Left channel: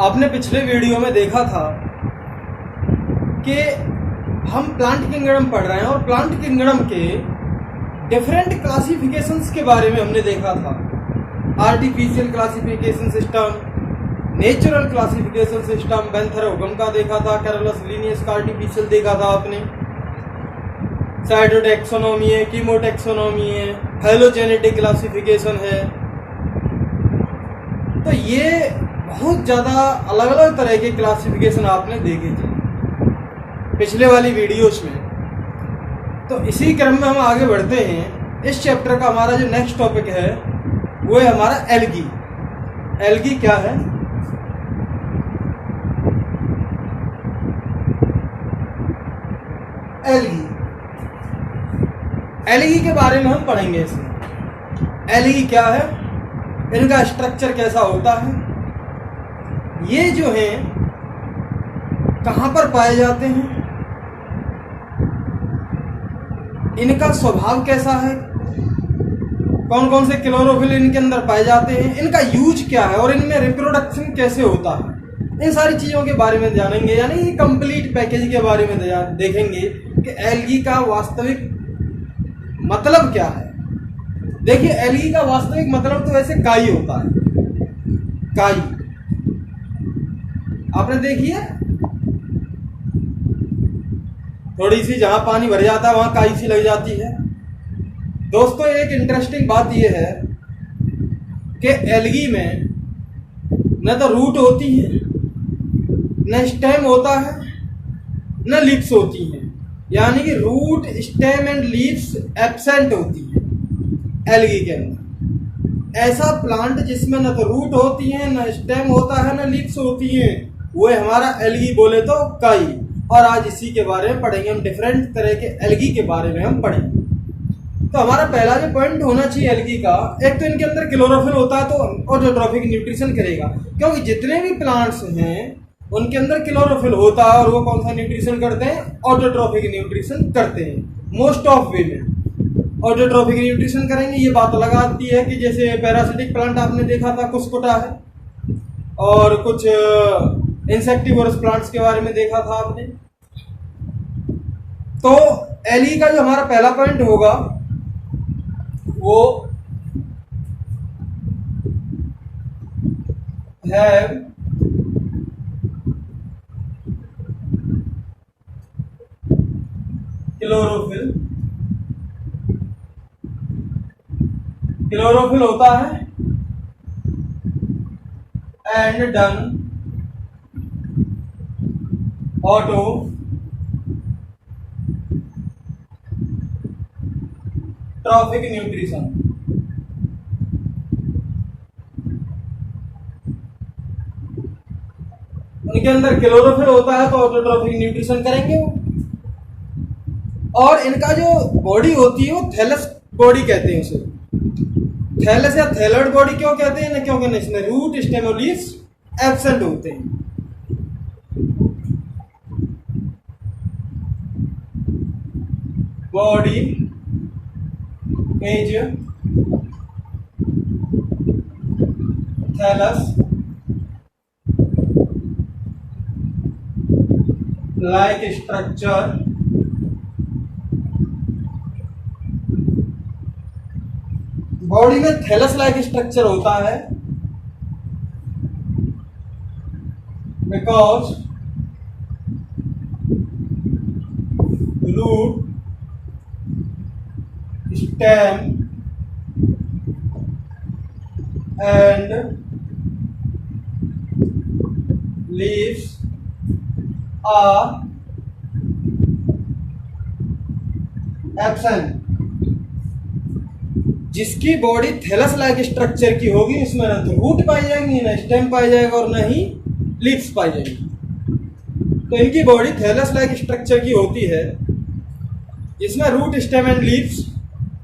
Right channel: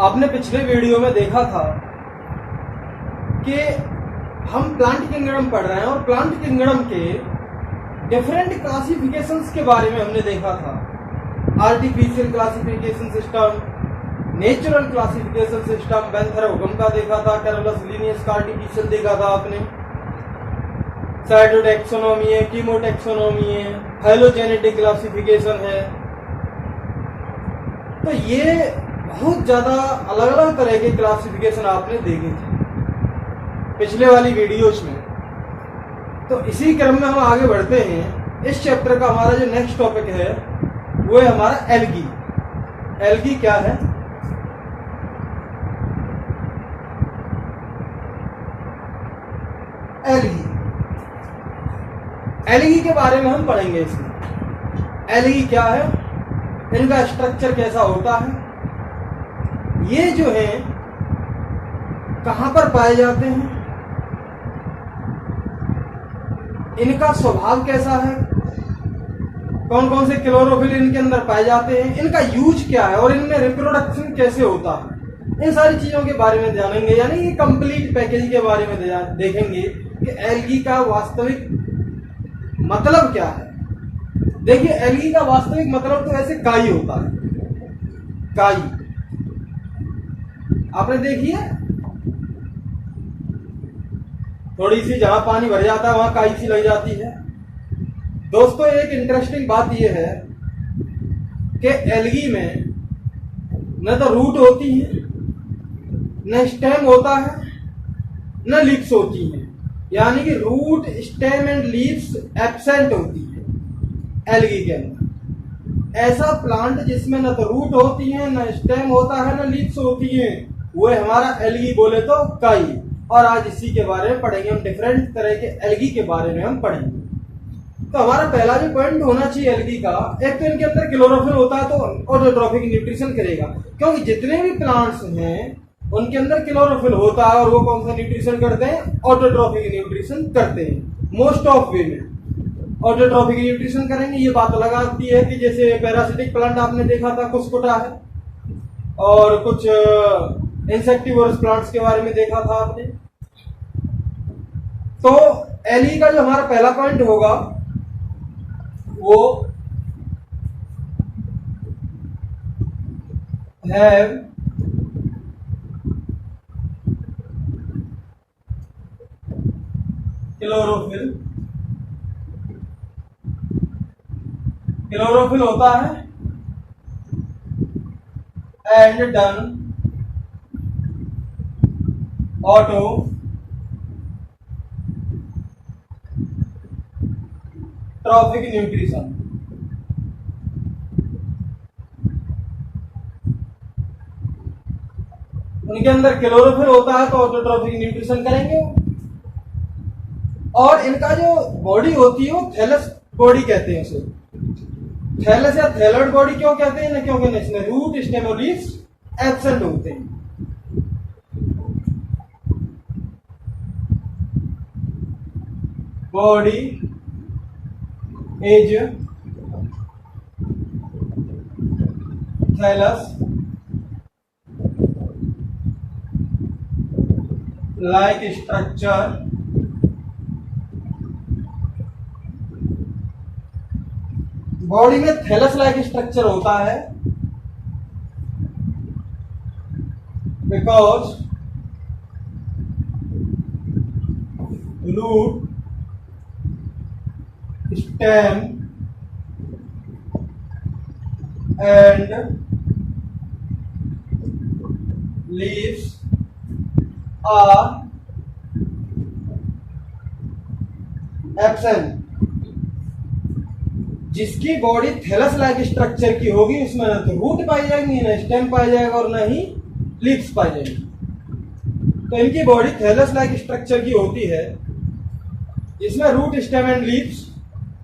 आपने पिछले वीडियो में देखा था कि हम प्लांट किंगडम पढ़ रहे हैं और प्लांट किंगडम के डिफरेंट क्लासिफिकेशंस के बारे में हमने देखा था। Artificial classification system, natural classification system, Bentham Hooker का देखा था, कैरोलस लिनियस का आर्टिफिशियल देखा था आपने, साइटोटैक्सोनॉमी है, कीमोटैक्सोनॉमी है, फाइलोजेनेटिक क्लासिफिकेशन है। तो ये बहुत ज़्यादा अलग अलग तरह के क्लासिफिकेशन आपने देखे थे पिछले वाली वीडियोस में। तो इसी क्रम में हम आगे बढ़ते हैं। इस चैप्टर का हमारा जो नेक्स्ट टॉपिक है वो है हमारा एल्गी। एल्गी क्या है? एल्गी, एल्गी के बारे में हम पढ़ेंगे इसमें। एल्गी क्या है, इनका स्ट्रक्चर कैसा होता है, ये जो हैं कहाँ पर पाए जाते हैं, इनका स्वभाव कैसा है, कौन कौन से क्लोरोफिल इनके अंदर पाए जाते हैं, इनका यूज क्या है और इनमें रिप्रोडक्शन कैसे होता है, इन सारी चीज़ों के बारे में जानेंगे। यानी कि कंप्लीट पैकेज के बारे में देखेंगे कि एल्गी का वास्तविक मतलब क्या है। देखिए, एल्गी का वास्तविक मतलब तो वैसे काई होता है। काई आपने देखी है, थोड़ी सी जहां पानी भर जाता है वहां काई सी लग जाती है। दोस्तों, एक इंटरेस्टिंग बात यह है कि एल्गी में न तो रूट होती है, न स्टेम होता है, न लीव्स होती हैं। यानी कि root, stem and leaves absent होती है एल्गी के अंदर। ऐसा प्लांट जिसमें न तो रूट होती है, न स्टेम होता है, न लीव्स होती हैं, वो है हमारा एल्गी, बोले तो काई। और आज इसी के बारे में पढ़ेंगे हम, डिफरेंट तरह के एल्गी के बारे में हम पढ़ेंगे। तो हमारा पहला जो पॉइंट होना चाहिए एल्गी का, एक तो इनके अंदर क्लोरोफिल होता है, तो ऑटोट्रॉफिक न्यूट्रिशन करेगा, क्योंकि जितने भी प्लांट्स हैं उनके अंदर क्लोरोफिल होता है और वो कौन सा न्यूट्रिशन करते हैं? ऑटोट्रॉफिक न्यूट्रिशन करते हैं। मोस्ट ऑफ वे में ऑटोट्रॉफिक न्यूट्रिशन करेंगे। ये बात अलग आती है कि जैसे पैरासिटिक प्लांट आपने देखा था, कुस्कुटा है, और कुछ इंसेक्टिवोरस प्लांट्स के बारे में देखा था आपने। तो एल्गी का जो हमारा पहला पॉइंट होगा वो है क्लोरोफिल। क्लोरोफिल होता है and then autotrophic nutrition. उनके अंदर क्लोरोफिल होता है तो ऑटोट्रॉफिक न्यूट्रिशन करेंगे। और इनका जो बॉडी होती है वो थैलस बॉडी कहते हैं उसे। थैलस या थैलड बॉडी क्यों कहते हैं ना, क्योंकि इसमें रूट, स्टेम और लीव्स एब्सेंट होते हैं। Body is thallus like structure body में थैलस लाइक स्ट्रक्चर होता है because root, stem and leaves are absent. जिसकी बॉडी थैलस लाइक स्ट्रक्चर की होगी उसमें न तो रूट पाई जाएंगी, न स्टेम पाई जाएगा और न ही लीव्स पाई जाएंगी। तो इनकी बॉडी थैलस लाइक स्ट्रक्चर की होती है जिसमें root, stem and leaves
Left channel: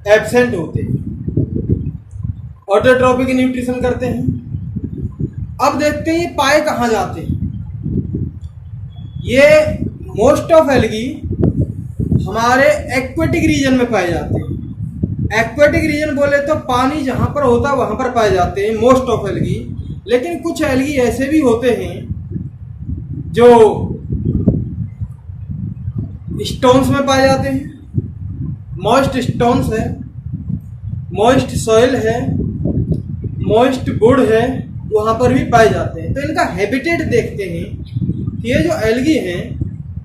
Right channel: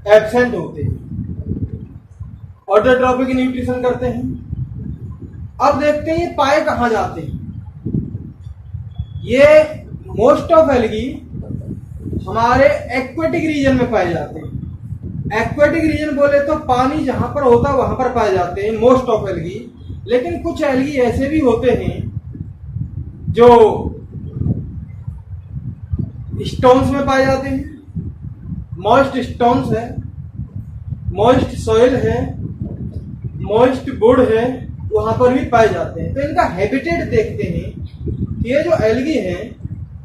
absent होते हैं। ऑटोट्रॉफिक न्यूट्रिशन करते हैं। अब देखते हैं ये पाए कहाँ जाते हैं। ये मोस्ट ऑफ एल्गी हमारे एक्वेटिक रीजन में पाए जाते हैं। एक्वेटिक रीजन बोले तो पानी जहां पर होता है वहां पर पाए जाते हैं मोस्ट ऑफ एल्गी। लेकिन कुछ एल्गी ऐसे भी होते हैं जो स्टोन्स में पाए जाते हैं, मॉइस्ट स्टोन्स है, मॉइस्ट सॉइल है, मॉइस्ट वुड है, वहां पर भी पाए जाते हैं। तो इनका हैबिटेट देखते हैं कि ये जो एल्गी हैं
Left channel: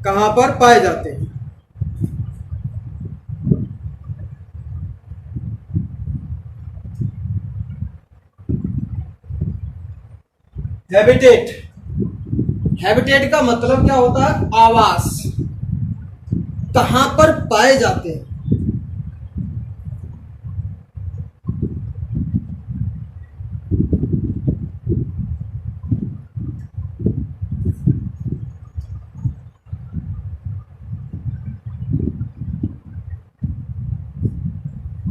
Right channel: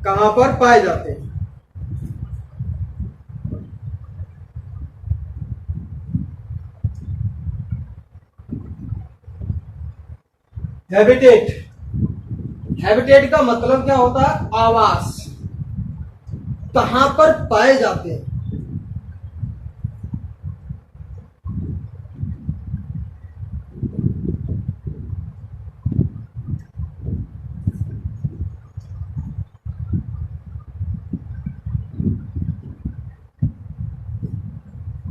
कहां पर पाए जाते हैं। हैबिटेट, हैबिटेट का मतलब क्या होता है? आवास, कहां पर पाए जाते हैं।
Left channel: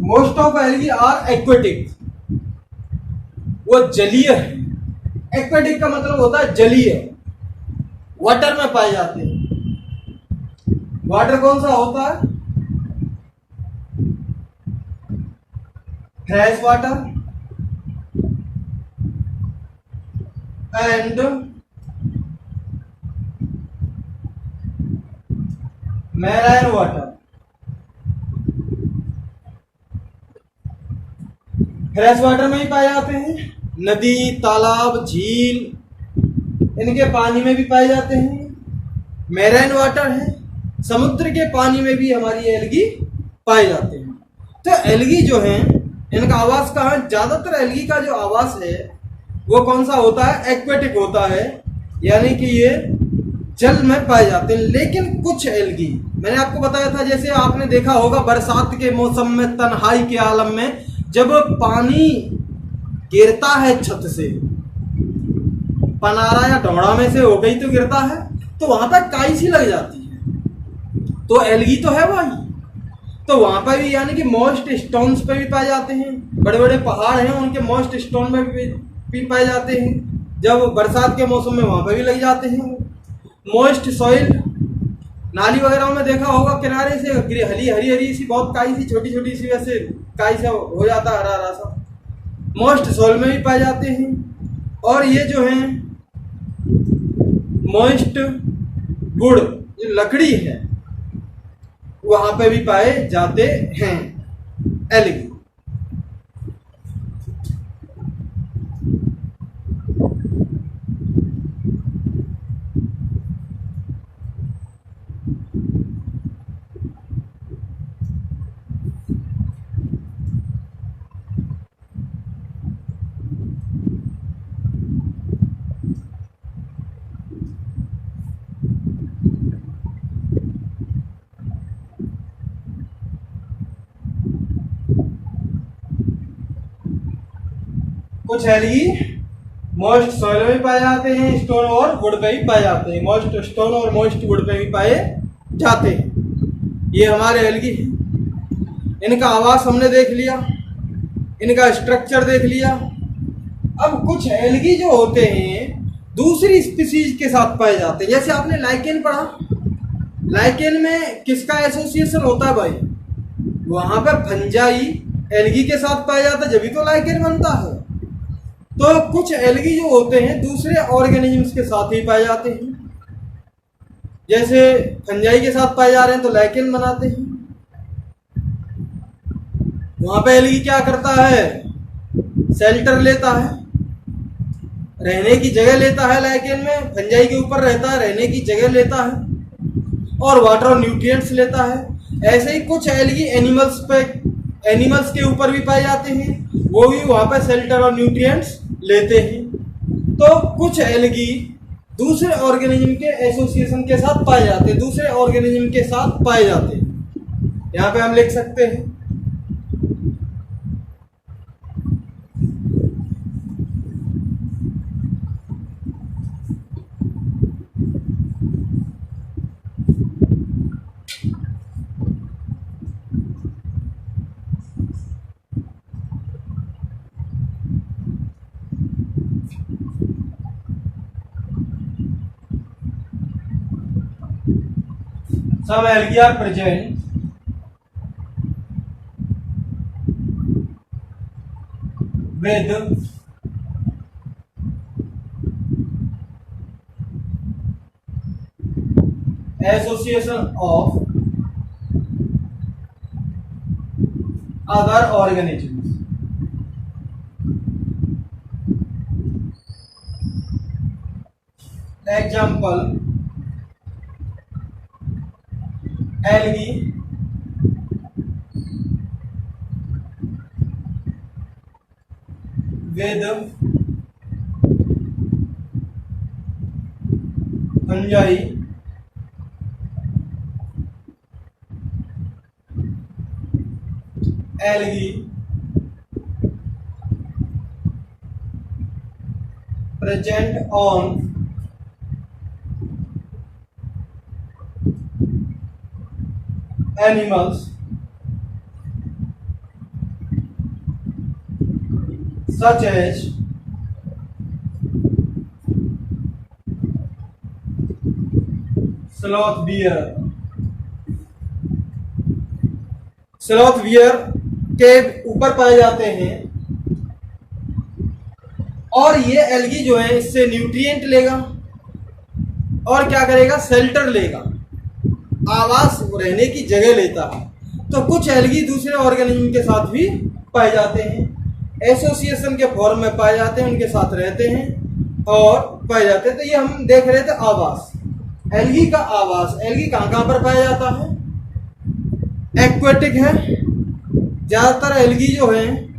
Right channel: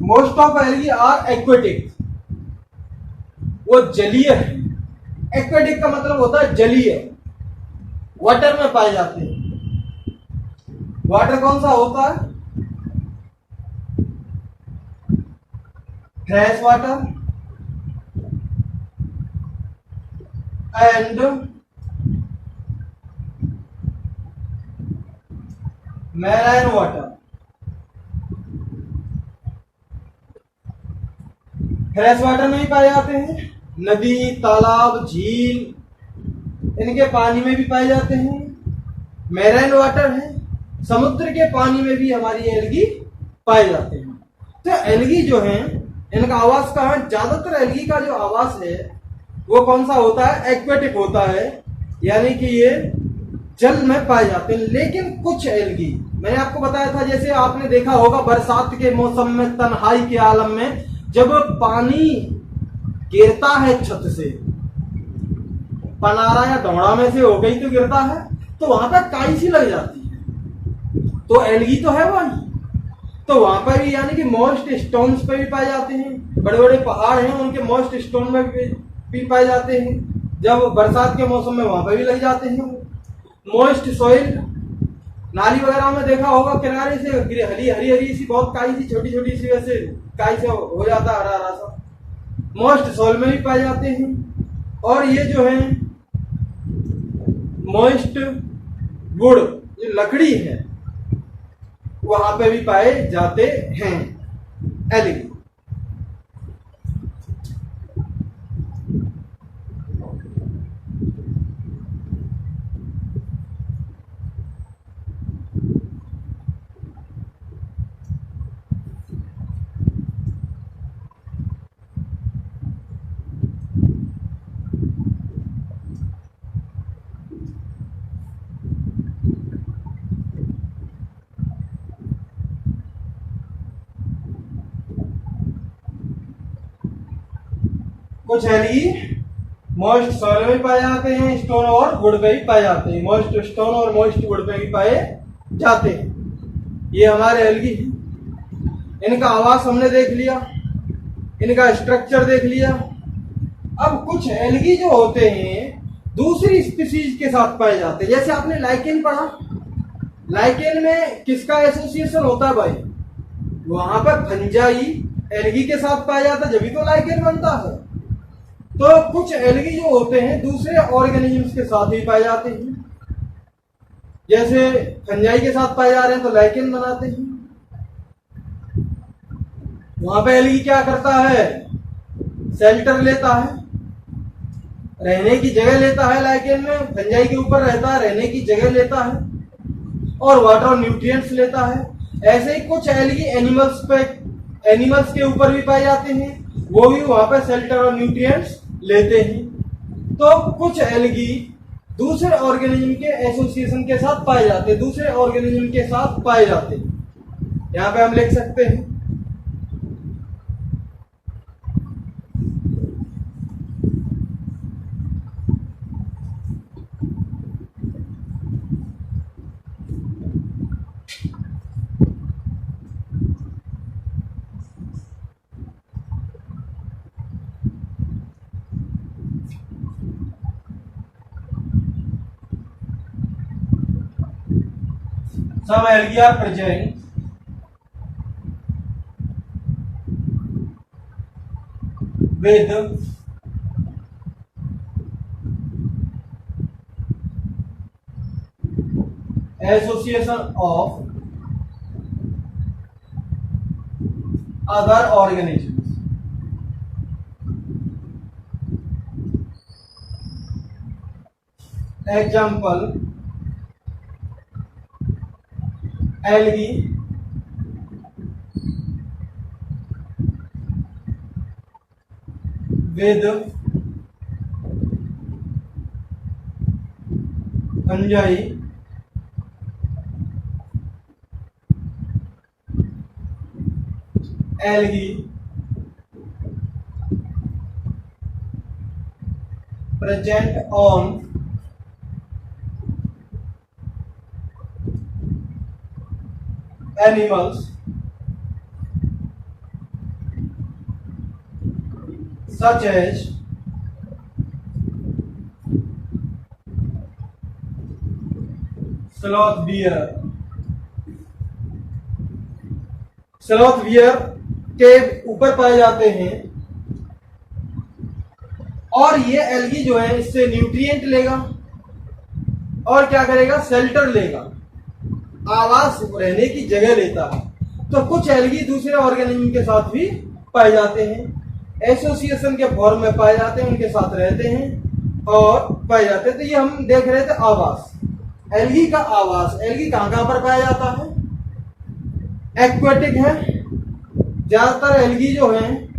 Most of algae are aquatic, वो जलीय है। एक्वेटिक का मतलब होता है जलीय, वाटर में पाए जाते हैं। वाटर कौन सा होता है? Fresh water and marine water. Fresh water में ही पाए जाते हैं, नदी, तालाब, झील, इनके पानी में भी पाए जाते हैं। मैराइन वाटर है, समुद्र के पानी में भी हमारी एल्गी पाए जाते हैं। तो एल्गी जो है इनका आवास कहाँ? ज्यादातर एल्गी का जो आवास है वो कौन सा होता है? एक्वेटिक होता है, यानी कि ये जल में पाए जाते हैं। लेकिन कुछ एल्गी, मैंने आपको बताया था, जैसे आपने देखा होगा बरसात के मौसम में, तन्हाई के आलम में, जब पानी गिरता है छत से, पनारा या ढोड़ा में से हो गई तो गिरता है, तो वहां पर काई सी लग जाती है, तो एल्गी तो है वही। तो वहां पर भी यानी कि मॉइस्ट स्टोन्स पे भी पाए जाते हैं। बड़े बड़े पहाड़ हैं, उनके मॉइस्ट स्टोन में भी पाए जाते हैं। जब बरसात के मौसम में वहां पर भी लग जाते हैं। मॉइस्ट सॉइल, नाली वगैरह में देखा होगा किनारे से हरी हरी हरी सी बहुत काई सी, छोटी छोटी सी, वैसे काई से हो जाता है हरा हरा सा, मॉइस्ट सॉइल में भी पाए जाते हैं। और ये जो है मॉइस्ट वुड, जो लकड़ी है, वहां पे भी पाए जाते हैं एल्गी। कुछ एल्गी मॉइस्ट सॉइल में भी पाए जाते हैं, स्टोन और वुड पे भी पाए जाते हैं। मॉइस्ट स्टोन और मॉइस्ट वुड पे भी पाए जाते हैं। ये हमारे एल्गी हैं। इनका आवास हमने देख लिया, इनका स्ट्रक्चर देख लिया। अब कुछ एल्गी जो होते हैं दूसरी स्पीसीज के साथ पाए जाते हैं। जैसे आपने लाइकेन पढ़ा, लाइकेन में किसका एसोसिएशन होता है भाई? वहां पे फंजाई एल्गी के साथ पाया जाता है, जब भी तो लाइकेन बनता है। तो कुछ एल्गी जो होते हैं दूसरे ऑर्गेनिजम्स के साथ ही पाए जाते हैं। जैसे फंजाई के साथ पाए जा रहे हैं तो लाइकेन बनाते हैं। वहां पे एल्गी क्या करता है? शेल्टर लेता है, रहने की जगह लेता है। लाइकेन में फंजाई के ऊपर रहता है, रहने की जगह लेता है और वाटर और न्यूट्रिएंट्स लेता है। ऐसे ही कुछ एल्गी एनिमल्स के ऊपर भी पाए जाते हैं, वो भी वहां पे शेल्टर और न्यूट्रिएंट्स लेते हैं। तो कुछ एल्गी दूसरे ऑर्गेनिज्म के एसोसिएशन के साथ पाए जाते हैं, दूसरे ऑर्गेनिज्म के साथ पाए जाते हैं। यहां पे हम लिख सकते हैं some algae are present with association of other organisms. Example algae, with fungi, algae present on animals such as sloth bear। Sloth bear के ऊपर पाए जाते हैं और ये एल्गी जो है इससे न्यूट्रिएंट लेगा और क्या करेगा, शेल्टर लेगा, आवास रहने की जगह लेता है। तो कुछ एल्गी दूसरे ऑर्गेनिज्म के साथ भी पाए जाते हैं, एसोसिएशन के फॉर्म में पाए जाते हैं, उनके साथ रहते हैं और पाए जाते हैं। तो ये हम देख रहे थे आवास, एल्गी का आवास। एल्गी कहाँ कहाँ पर पाया जाता है? एक्वेटिक है, ज्यादातर एल्गी जो है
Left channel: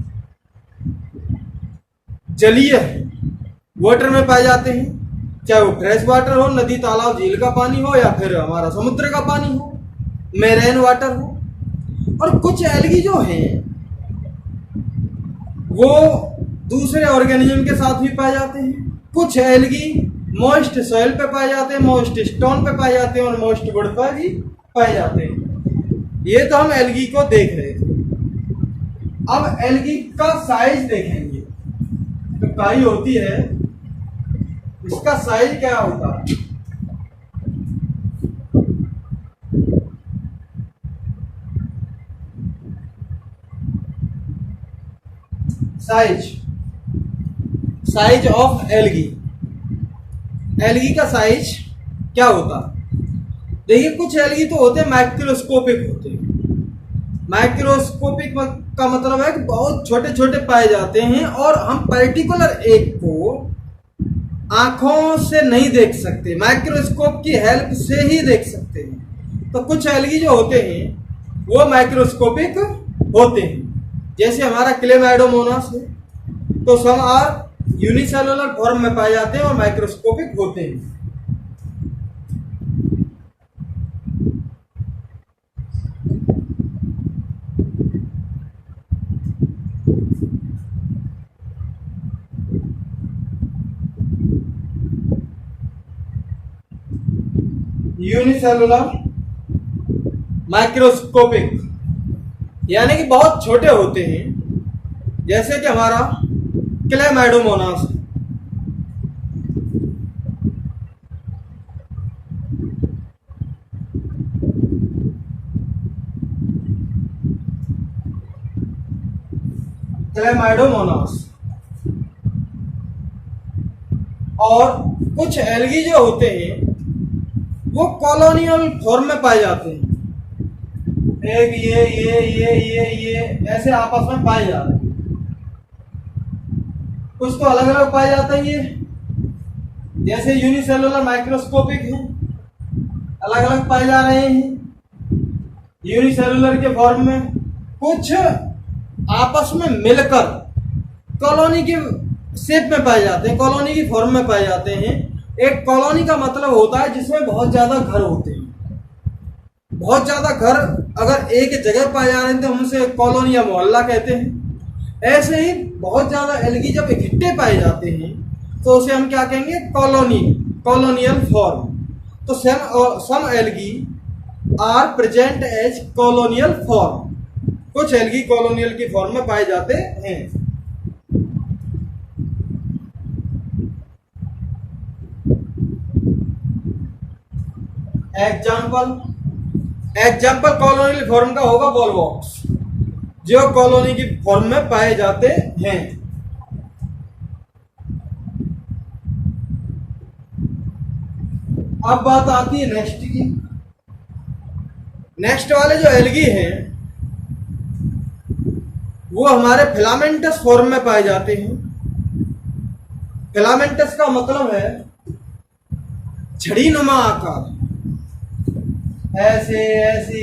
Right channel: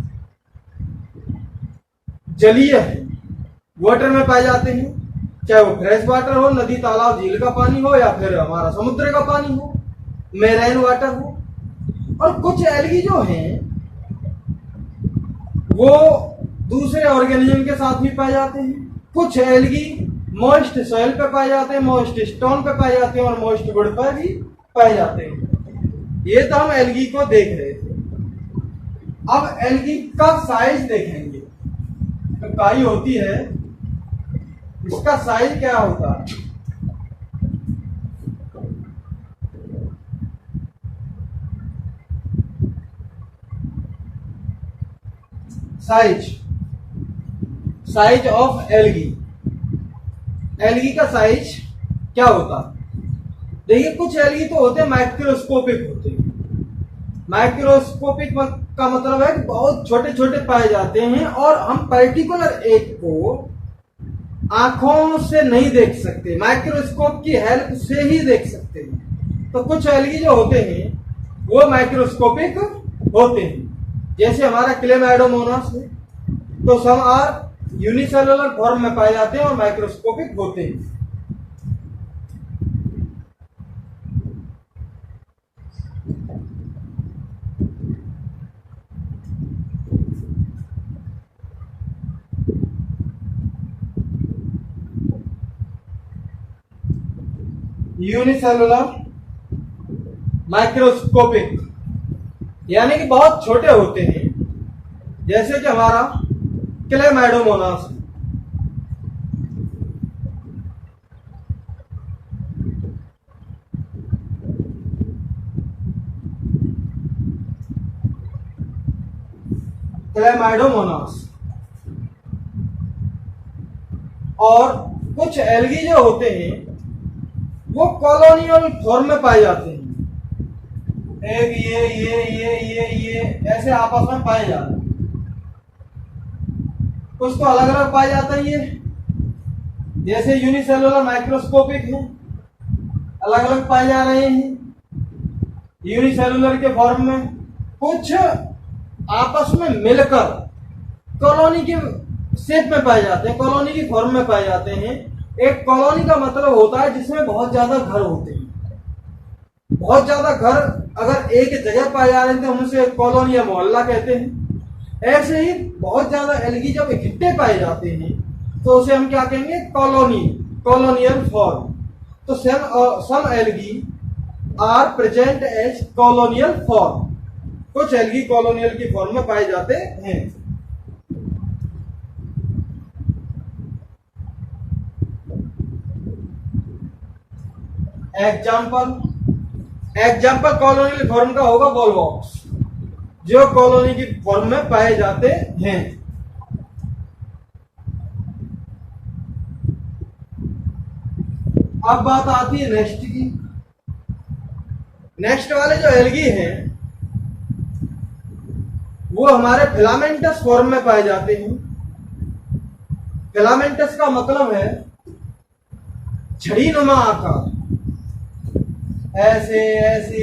जलीय है, वाटर में पाए जाते हैं, चाहे वो फ्रेश वाटर हो, नदी तालाब झील का पानी हो या फिर हमारा समुद्र का पानी हो, मेराइन वाटर हो। और कुछ एल्गी जो हैं वो दूसरे ऑर्गेनिज्म के साथ भी पाए जाते हैं। कुछ एल्गी मॉइस्ट सॉइल पे पाए जाते हैं, मॉइस्ट स्टोन पे पाए जाते हैं और मॉइस्ट वुड पे भी पाए जाते हैं। ये तो हम एल्गी को देख रहे थे। अब एल्गी का साइज देखेंगे। तो काई होती है, इसका साइज क्या होता है? Size of algae. एल्गी का साइज क्या होता है? देखिए, कुछ एल्गी तो होते हैं माइक्रोस्कोपिक होते हैं। माइक्रोस्कोपिक का मतलब है कि बहुत छोटे छोटे पाए जाते हैं और हम पर्टिकुलर एक को आंखों से नहीं देख सकते, माइक्रोस्कोप की हेल्प से ही देख सकते हैं। तो कुछ एल्गी जो होते हैं वो माइक्रोस्कोपिक होते हैं, जैसे हमारा क्लेमाइडोमोनास है। तो सम आर यूनिसेलुलर फॉर्म में पाए जाते हैं और माइक्रोस्कोपिक होते हैं। यूनिसेलुलर माइक्रोस्कोपिक यानी कि बहुत छोटे होते हैं, जैसे कि हमारा क्लेमाइडोमोनास है। क्लेमाइडोमोनास। और कुछ एल्गी जो होते हैं वो कॉलोनियल फॉर्म में पाए जाते हैं। एक ये ऐसे आपस में पाए जाते हैं। कुछ तो अलग अलग पाए जाते हैं, ये जैसे यूनिसेलुलर माइक्रोस्कोपिक है, अलग अलग पाए जा रहे हैं यूनिसेलुलर के फॉर्म में। कुछ आपस में मिलकर कॉलोनी के शेप में पाए जाते हैं, कॉलोनी की फॉर्म में पाए जाते हैं। एक कॉलोनी का मतलब होता है जिसमें बहुत ज्यादा घर होते हैं। बहुत ज्यादा घर अगर एक जगह पाए जा रहे हैं तो हम उसे कॉलोनी या मोहल्ला कहते हैं। ऐसे ही बहुत ज्यादा एल्गी जब इकट्ठे पाए जाते हैं तो उसे हम क्या कहेंगे? Colony, colonial form. तो some algae are present as colonial form. कुछ एल्गी कॉलोनियल की फॉर्म में पाए जाते हैं। एग्जाम्पल कॉलोनियल फॉर्म का होगा वॉलवॉक्स, जो कॉलोनी की फॉर्म में पाए जाते हैं। अब बात आती है नेक्स्ट की, नेक्स्ट वाले जो एल्गी हैं वो हमारे फिलामेंटस फॉर्म में पाए जाते हैं। फिलामेंटस का मतलब है झड़ी नुमा आकार, ऐसे ऐसे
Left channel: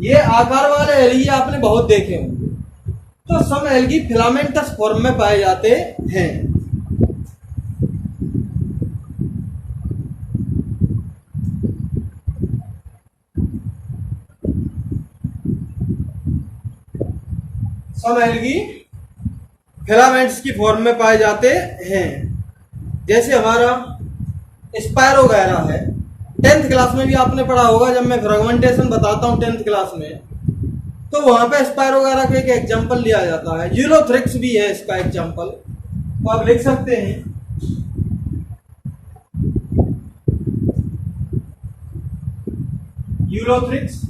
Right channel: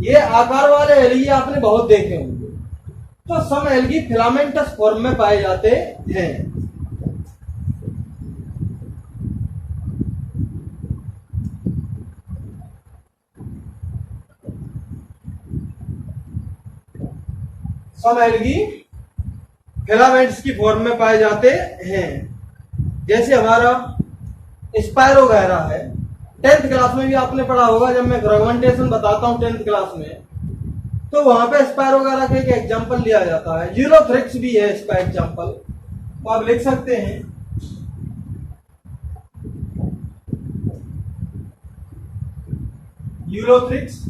ये आकार वाले एल्गी आपने बहुत देखे होंगे। तो सम एल्गी फिलामेंटस फॉर्म में पाए जाते हैं। सम एल्गी फिलामेंट्स की फॉर्म में पाए जाते हैं। जैसे हमारा स्पायरोगैरा है, 10th क्लास में भी आपने पढ़ा होगा। जब मैं फ्रेगमेंटेशन बताता हूं 10th क्लास में, तो वहां पे स्पायरोगैरा का एक एग्जांपल लिया जाता है। यूलोथ्रिक्स भी है इसका एग्जांपल, तो आप लिख सकते हैं यूलोथ्रिक्स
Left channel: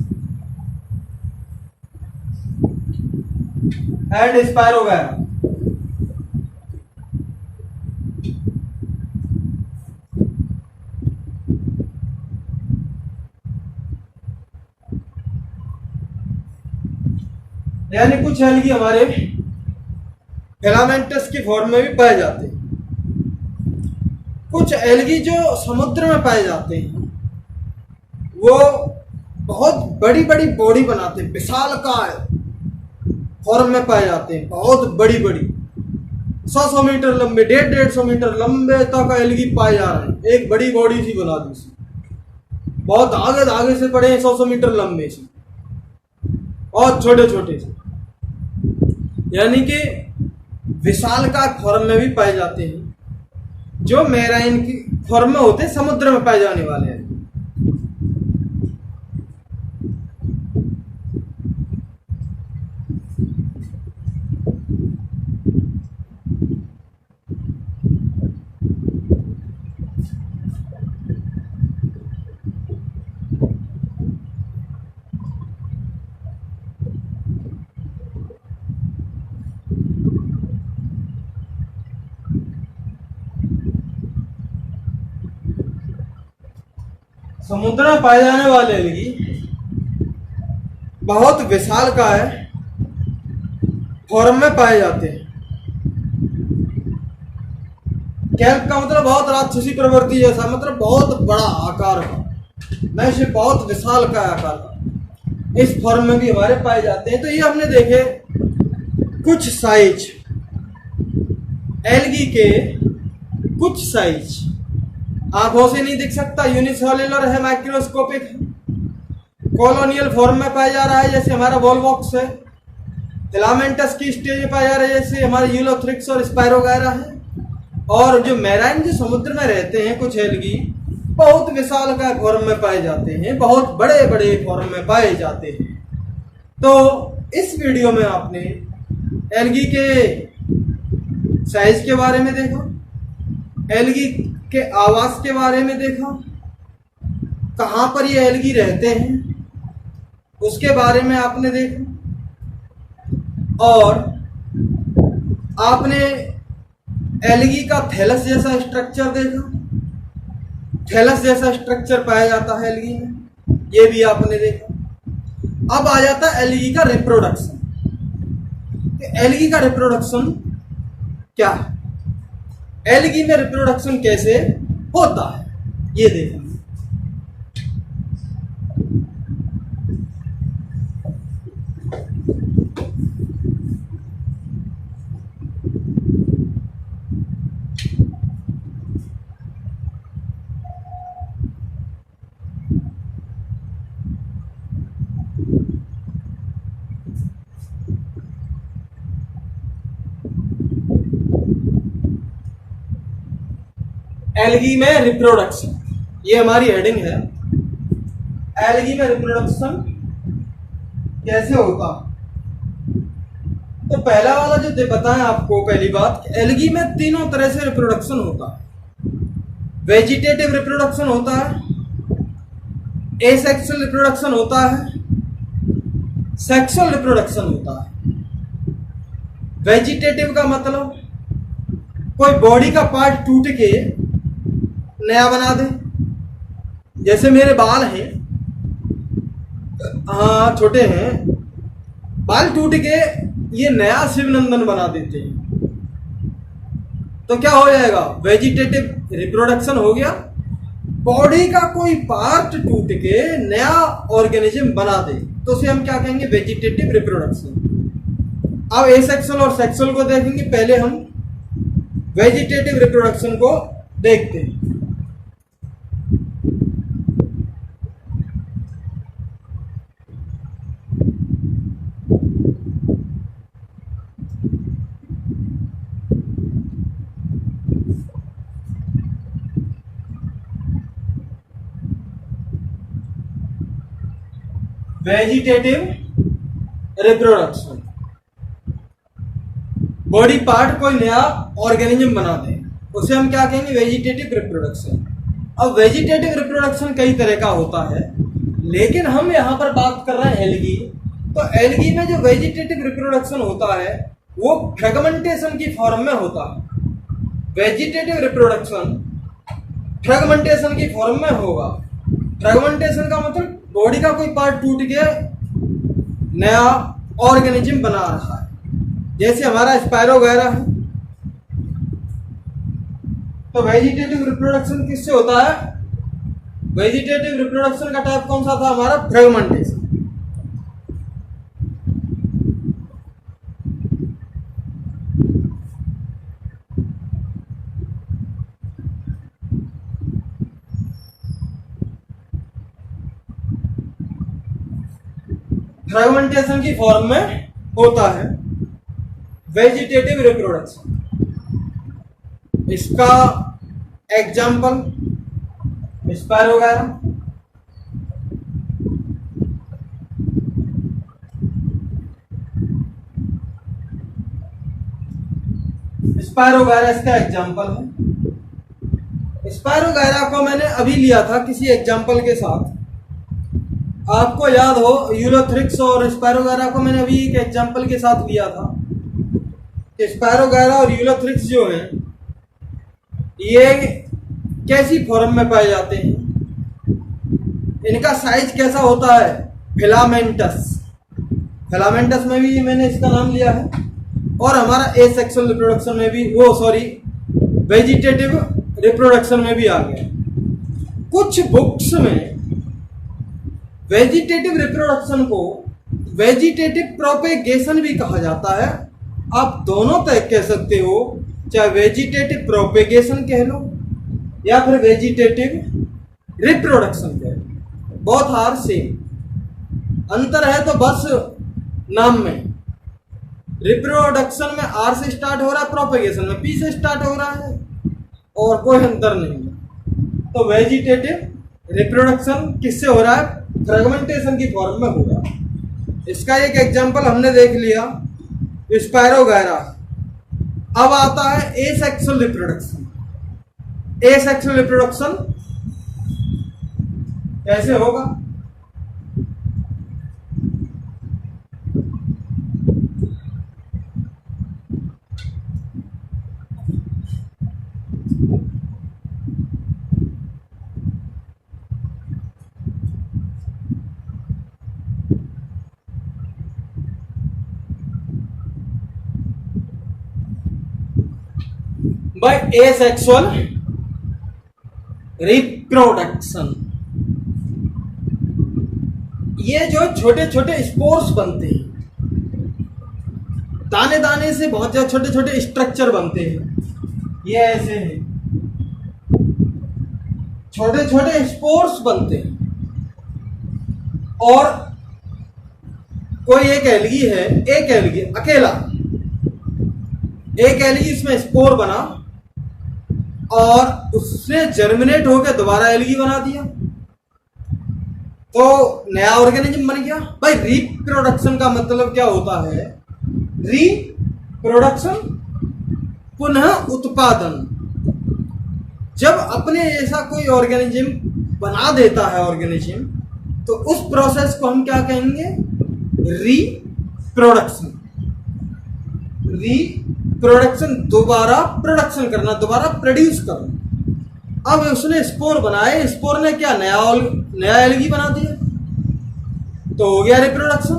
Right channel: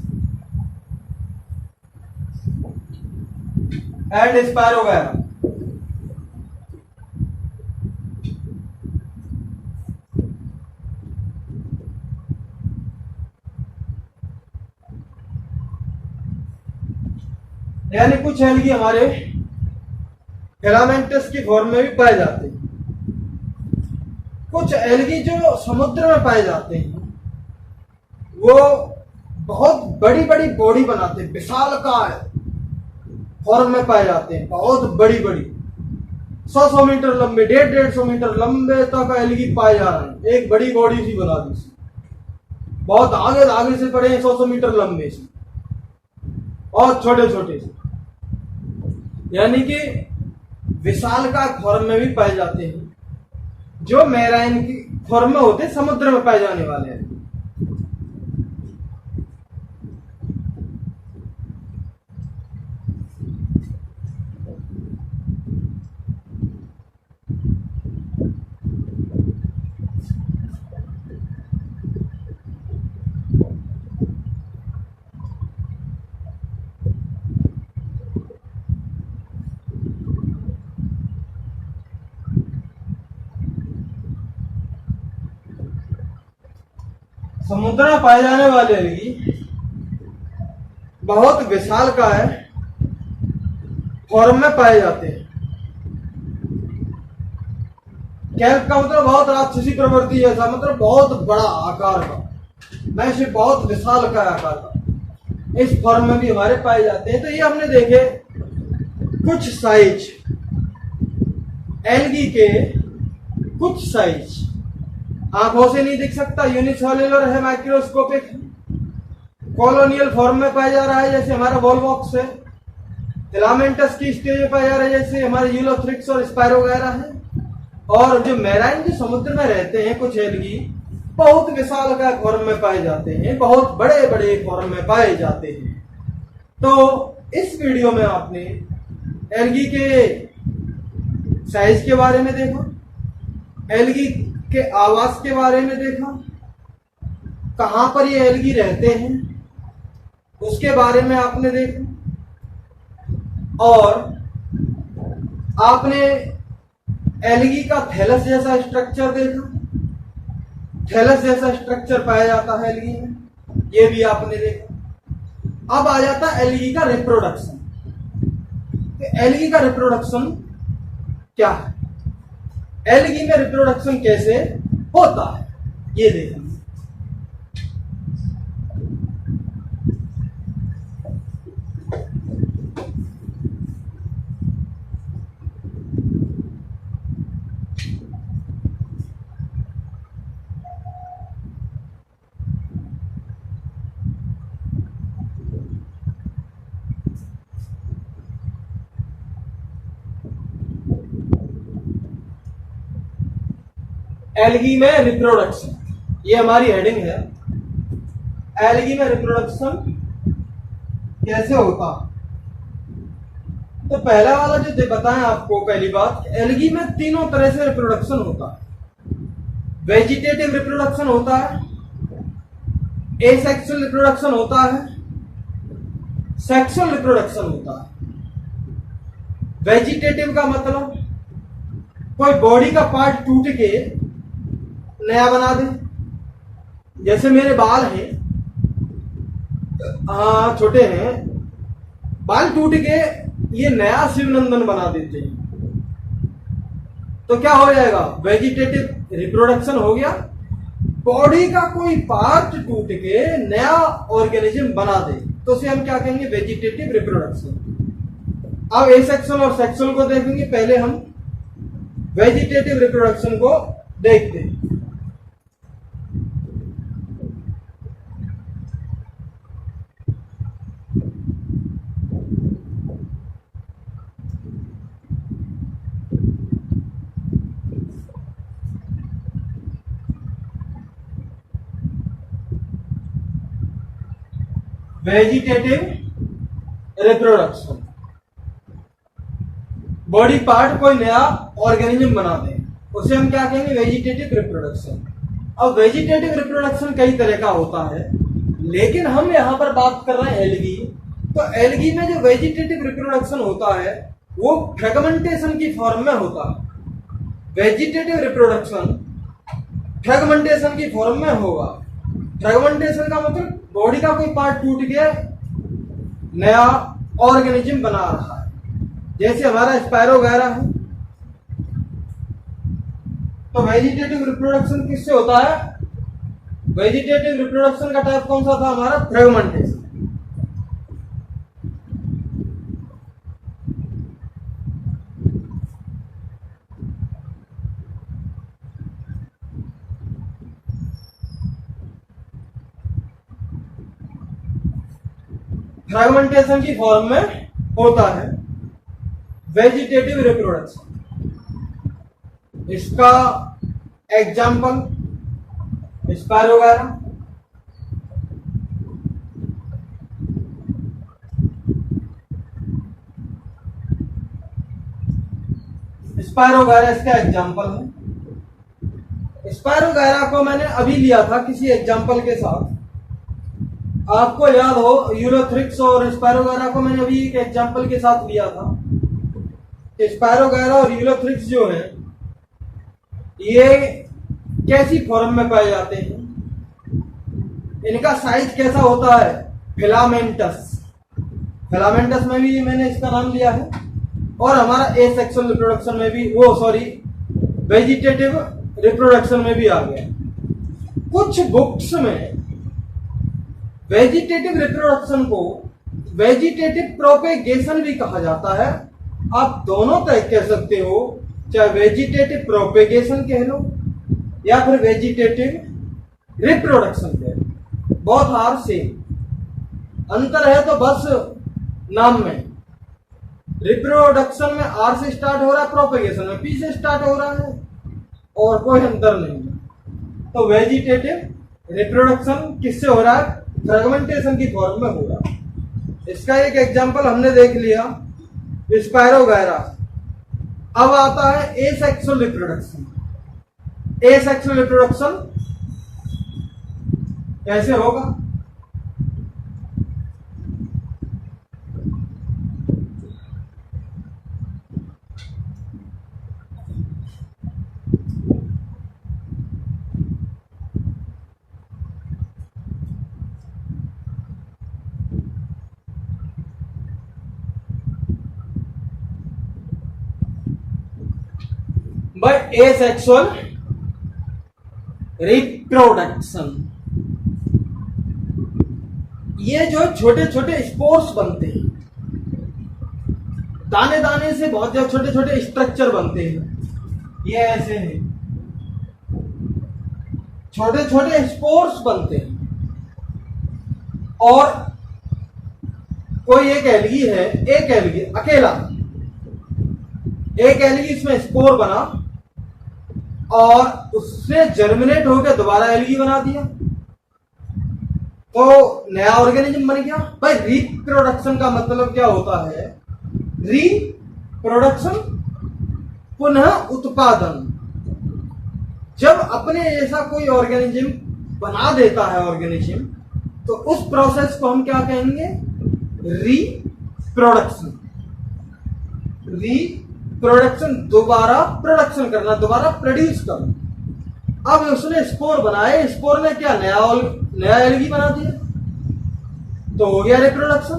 एंड स्पायरोगैरा। यानी कुछ एल्गी हमारे फिलामेंटस की फॉर्म में भी पाए जाते हैं। कुछ एल्गी जो समुद्र में पाए जाते हैं वो बहुत बड़ी बड़ी बॉडी बनाते हैं, विशालकाय फॉर्म में पाए जाते हैं, बहुत बड़ी बड़ी 100 मीटर लंबे, 150 मीटर लंबे तक एल्गी पाए जा रहे हैं। एक बड़ी बॉडी सी बना दी, बहुत आगे से पड़े हैं, 100 मीटर लंबे से और छोटे छोटे से, यानी कि विशालकाय फॉर्म में भी पाए जाते हैं, जो मैराइन की फॉर्म में होते हैं, समुद्र में पाए जाने वाले हैं। समुद्र में पाए जाने वाले एल्गी बहुत विशालकाय फॉर्म में पाए जाते हैं। कैल्प का मतलब बहुत राक्षसी प्रवृत्ति जैसा, मतलब बहुत बड़ा आकार का, मैं इसे बहुत विशालकाय आकार का, इस फॉर्म में भी हमारे पाए जाते हैं। तो ये हमने देखे कुछ साइज एल्गी के, कुछ साइज आंखों से नहीं दिख सकता, यूनिसेल्युलर है, माइक्रोस्कोपिक है, कॉलोनियल फॉर्म में पाया जा रहा है जैसे हमारा वॉलवॉक्स है, फिलामेंटस की स्टेज में पाया जा रहा है जैसे हमारे यूलोथ्रिक्स और स्पायरोगैरा है। और जो मैराइन जो समुद्र में रहते हैं कुछ एल्गी बहुत विशालकाय फॉर्म में पाए जाते हैं, बहुत बड़े बड़े फॉर्म में पाए जाते हैं। तो इस वीडियो में आपने एल्गी के साइज के बारे में देखा, एल्गी के आवास के बारे में देखा, कहां पर ये एल्गी रहते हैं उसके बारे में आपने देखा, और आपने एल्गी का थैलस जैसा स्ट्रक्चर देखा, थैलस जैसा स्ट्रक्चर पाया जाता है एल्गी में, ये भी आपने देखा। अब आ जाता है एल्गी का रिप्रोडक्शन। तो एल्गी का रिप्रोडक्शन क्या है, एल्गी में रिप्रोडक्शन कैसे होता है, ये देखेंगे। एल्गी में रिप्रोडक्शन, ये हमारी हेडिंग है। एल्गी में रिप्रोडक्शन कैसे होता, तो पहला वाला जो बताएं आपको, पहली बात, एल्गी में तीनों तरह से रिप्रोडक्शन होता है। वेजिटेटिव रिप्रोडक्शन होता है, एसेक्सुअल रिप्रोडक्शन होता है, सेक्सुअल रिप्रोडक्शन होता है। वेजिटेटिव का मतलब कोई बॉडी का पार्ट टूट के नया बना दे, जैसे मेरे बाल हैं, हाँ छोटे हैं, बाल टूट के ये नया शिवनंदन बना देते हैं, तो क्या हो जाएगा? वेजिटेटिव रिप्रोडक्शन हो गया। बॉडी का कोई पार्ट टूट के नया ऑर्गेनिज्म बना दे तो उसे हम क्या कहेंगे? Vegetative reproduction. अब एसेक्सुअल और सेक्सुअल को देखेंगे, पहले हम वेजिटेटिव रिप्रोडक्शन को देखते हैं। वेजिटेटिव रिप्रोडक्शन, बॉडी पार्ट कोई नया ऑर्गेनिज्म बना दे उसे हम क्या कहेंगे? Vegetative reproduction. अब वेजिटेटिव रिप्रोडक्शन कई तरह का होता है, लेकिन हम यहाँ पर बात कर रहे हैं एल्गी। तो एल्गी में जो वेजिटेटिव रिप्रोडक्शन होता है वो फ्रेगमेंटेशन की फॉर्म में होता है। वेजिटेटिव रिप्रोडक्शन फ्रेगमेंटेशन की फॉर्म में होगा। फ्रेगमेंटेशन का मतलब बॉडी का कोई पार्ट टूट के नया ऑर्गेनिज्म बना रहा है, जैसे हमारा स्पायरो वगैरह है। तो वेजिटेटिव रिप्रोडक्शन किससे होता है? वेजिटेटिव रिप्रोडक्शन का टाइप कौन सा था हमारा? फ्रेगमेंटेशन। फ्रेगमेंटेशन की फॉर्म में होता है वेजिटेटिव रिप्रोडक्शन। इसका एग्जाम्पल स्पायरो वगैरह। स्पायरो वगैरह इसका एग्जाम्पल है। स्पायरो वगैरह को मैंने अभी लिया था किसी एग्जाम्पल के साथ, आपको याद हो यूलोथ्रिक्स और स्पायरो वगैरह को मैंने अभी एक एग्जाम्पल के साथ लिया था। स्पायरो वगैरह और यूलोथ्रिक्स जो हैं ये कैसी फॉर्म में पाए जाते हैं? इनका साइज कैसा होता है? फिलामेंटस। फिलामेंटस में भी मैंने इसका नाम लिया है, और हमारा एसेक्सुअल रिप्रोडक्शन में भी, वो सॉरी वेजिटेटिव रिप्रोडक्शन में भी आ गया। कुछ बुक्स में वेजिटेटिव रिप्रोडक्शन को वेजिटेटिव प्रोपेगेशन भी कहा जाता है। आप दोनों तरह कह सकते हो, चाहे वेजिटेटिव प्रोपेगेशन कह लो या फिर वेजिटेटिव रिप्रोडक्शन कह लो, बोथ आर सेम। अंतर है तो बस नाम में। रिप्रोडक्शन में आर से स्टार्ट हो रहा है, प्रोपेगेशन में पी से स्टार्ट हो रहा है, और कोई अंतर नहीं है। तो वेजिटेटिव रिप्रोडक्शन किससे हो रहा है? फ्रेगमेंटेशन की फॉर्म में हो रहा है। इसका एक एग्जांपल हमने देख लिया, स्पायरो वगैरह। अब आता है एसेक्सुअल रिप्रोडक्शन। एसेक्सुअल रिप्रोडक्शन कैसे होगा? बाय एसेक्सुअल रिप्रोडक्शन, ये जो छोटे छोटे स्पोर्स बनते हैं, दाने दाने से बहुत ज्यादा छोटे छोटे स्ट्रक्चर बनते हैं। ये ऐसे हैं, छोटे छोटे स्पोर्स बनते हैं। और कोई एक एल्गी है, एक एल्गी अकेला, एक एल्गी इसमें स्पोर बना और उससे जर्मिनेट होकर दोबारा एल्गी बना दिया, तो नया ऑर्गेनिज्म बन गया। भाई रिप्रोडक्शन का मतलब क्या होता है? रिप्रोडक्शन पुनः उत्पादन। जब अपने जैसा कोई ऑर्गेनिज्म बना देता है ऑर्गेनिज्म, तो उस प्रोसेस को हम क्या कहेंगे? रिप्रोडक्शन। रिप्रोडक्शन दोबारा प्रोडक्शन करना, दोबारा प्रोड्यूस करना। अब उसने स्पोर बनाए, स्पोर ने क्या नया एल्गी बना दिया। तो हो गया रिप्रोडक्शन।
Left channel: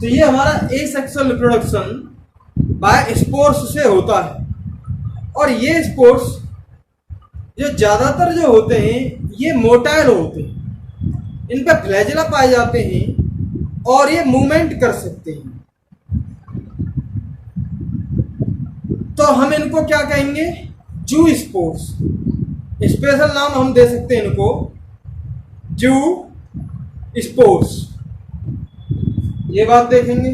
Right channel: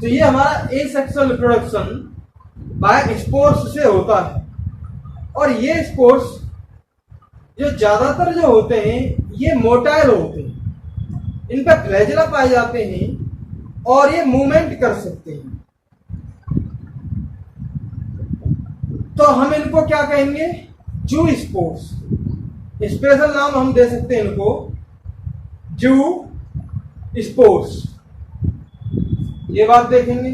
तो ये हमारा एसेक्सुअल रिप्रोडक्शन बाय स्पोर्स से होता है। और ये स्पोर्स जो ज्यादातर जो होते हैं ये मोटाइल होते हैं, इन पर फ्लैजेला पाए जाते हैं और ये मूवमेंट कर सकते हैं। तो हम इनको क्या कहेंगे? जू स्पोर्स। स्पेशल नाम हम दे सकते हैं इनको जू स्पोर्स। ये बात देखेंगे।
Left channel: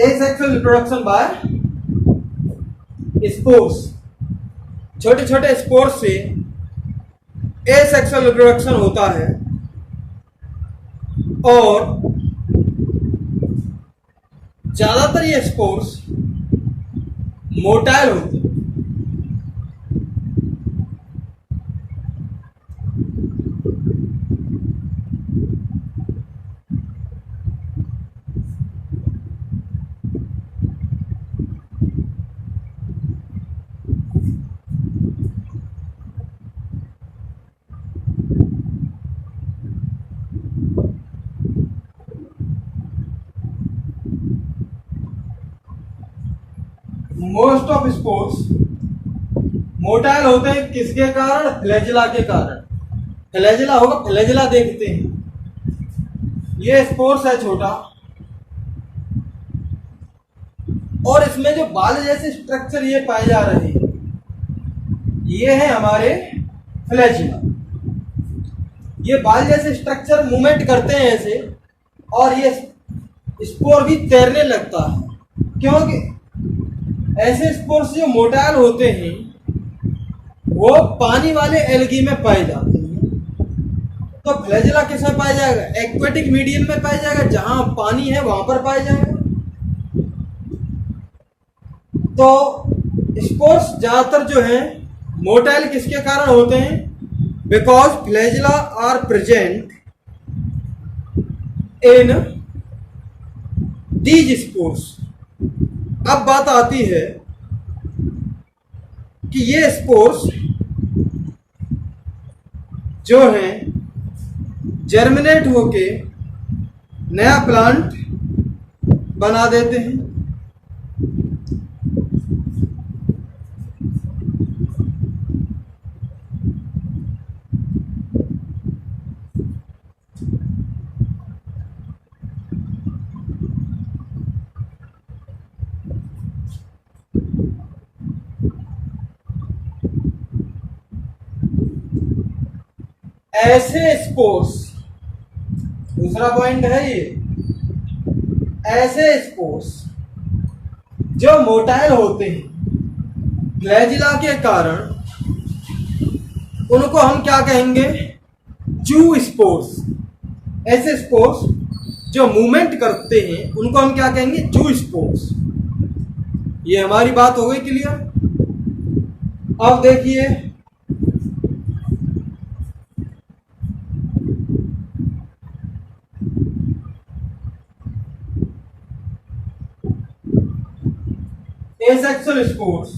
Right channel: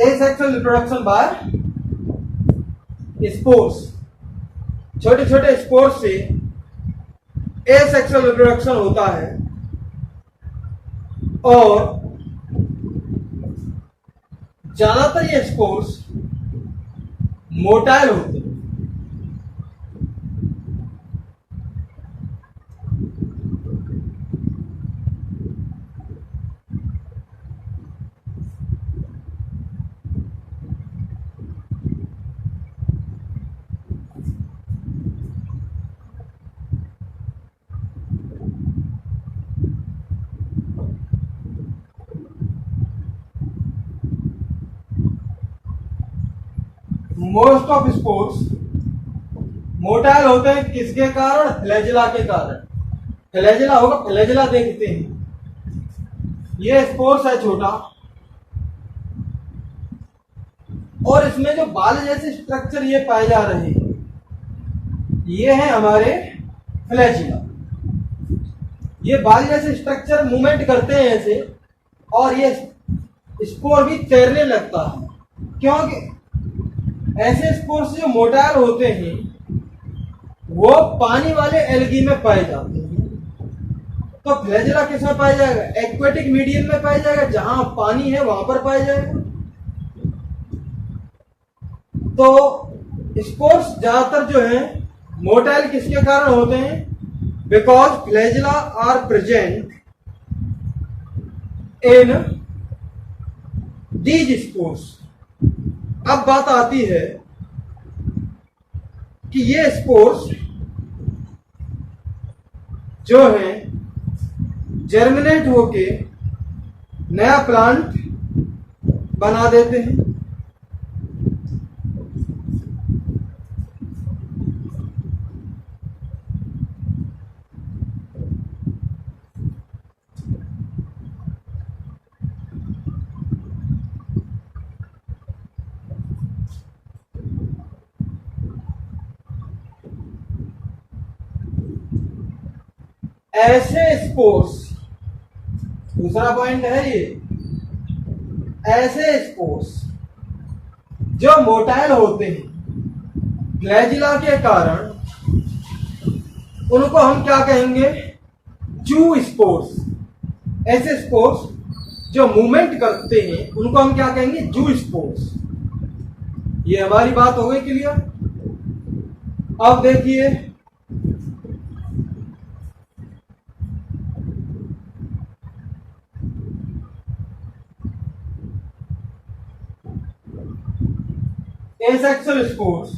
Asexual reproduction by spores. छोटे छोटे स्पोर्स से एसेक्सुअल रिप्रोडक्शन होता है और ज्यादातर ये स्पोर्स मोटाइल होते हैं। मोस्ट ऑफ स्पोर्ट्स मोटाइल होते हैं किसके कारण? फ्लैजेला के कारण। फ्लैजेला होगा, फ्लैजेला देखते हैं। ये स्पोर्ट्स है छोटा और इसमें जो बाल जैसे स्ट्रक्चर ये पाए जा रहे हैं ये है हमारे फ्लैजेला। ये बाल जैसे स्ट्रक्चर मूवमेंट करते हैं ऐसे और ये स्पोर भी तैरने लगता है, क्योंकि ऐसे स्पोर्स जो मोटाइल होते हैं वो पानी वाले एल्गी में पाए जाते हैं। तो फ्लैजेला किस में पाया जाएगा? एक्वेटिक मीडियम में पाया जाएगा, जहां पानी है वहां पर पाया जाएगा। तो स्पोर्स ज्यादातर जो है मोटाइल किसके कारण होते हैं? Because flagella are present in these spores. अब बात आती है कि ये स्पोर्स जो है जर्मिनेट होके नया प्लांट बना देते हैं। ऐसे स्पोर्स, दूसरा पॉइंट है ये, ऐसे स्पोर्स जो मोटाइल होते हैं फ्लैजेला के कारण उनको हम क्या कहेंगे? जू स्पोर्स। ऐसे स्पोर्स जो मूवमेंट करते हैं उनको हम क्या कहेंगे? जू स्पोर्स। ये हमारी बात हो गई क्लियर। अब देखिए asexual spores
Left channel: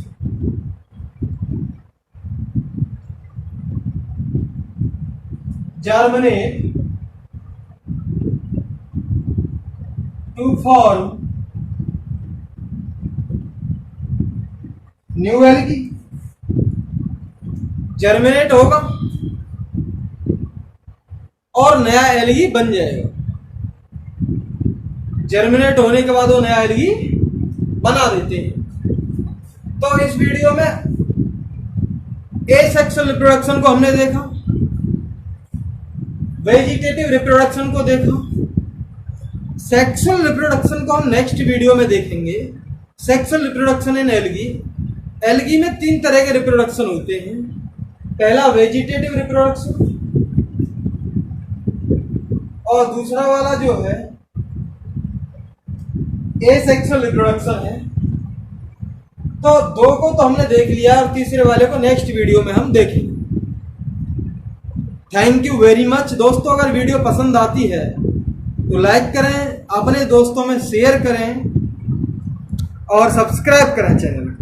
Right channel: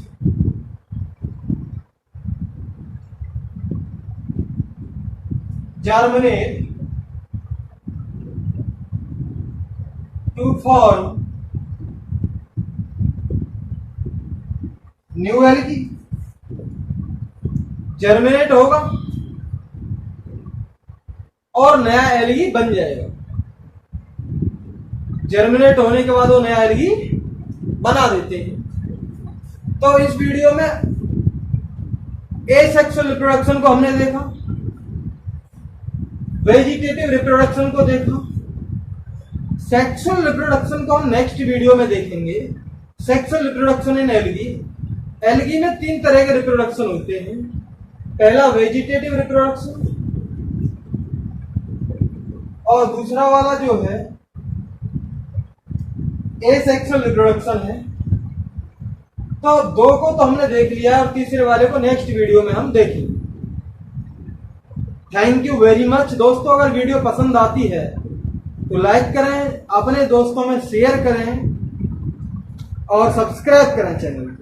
germinate to form new algae. Germinate होगा और नया एल्गी बन जाएगा। जर्मिनेट होने के बाद वो नया एल्गी बना देते हैं। तो इस वीडियो में एसेक्सुअल रिप्रोडक्शन को हमने देखा, वेजिटेटिव रिप्रोडक्शन को देखा, सेक्सुअल रिप्रोडक्शन को हम नेक्स्ट वीडियो में देखेंगे। Sexual reproduction in algae. Algae में 3 तरह के रिप्रोडक्शन होते हैं। पहला वेजिटेटिव रिप्रोडक्शन और दूसरा वाला जो है एसेक्सुअल रिप्रोडक्शन है। तो 2 को तो हमने देख लिया और तीसरे वाले को नेक्स्ट वीडियो में हम देखेंगे। थैंक यू वेरी मच दोस्तों। अगर वीडियो पसंद आती है तो लाइक करें, अपने दोस्तों में शेयर करें और सब्सक्राइब करें चैनल को।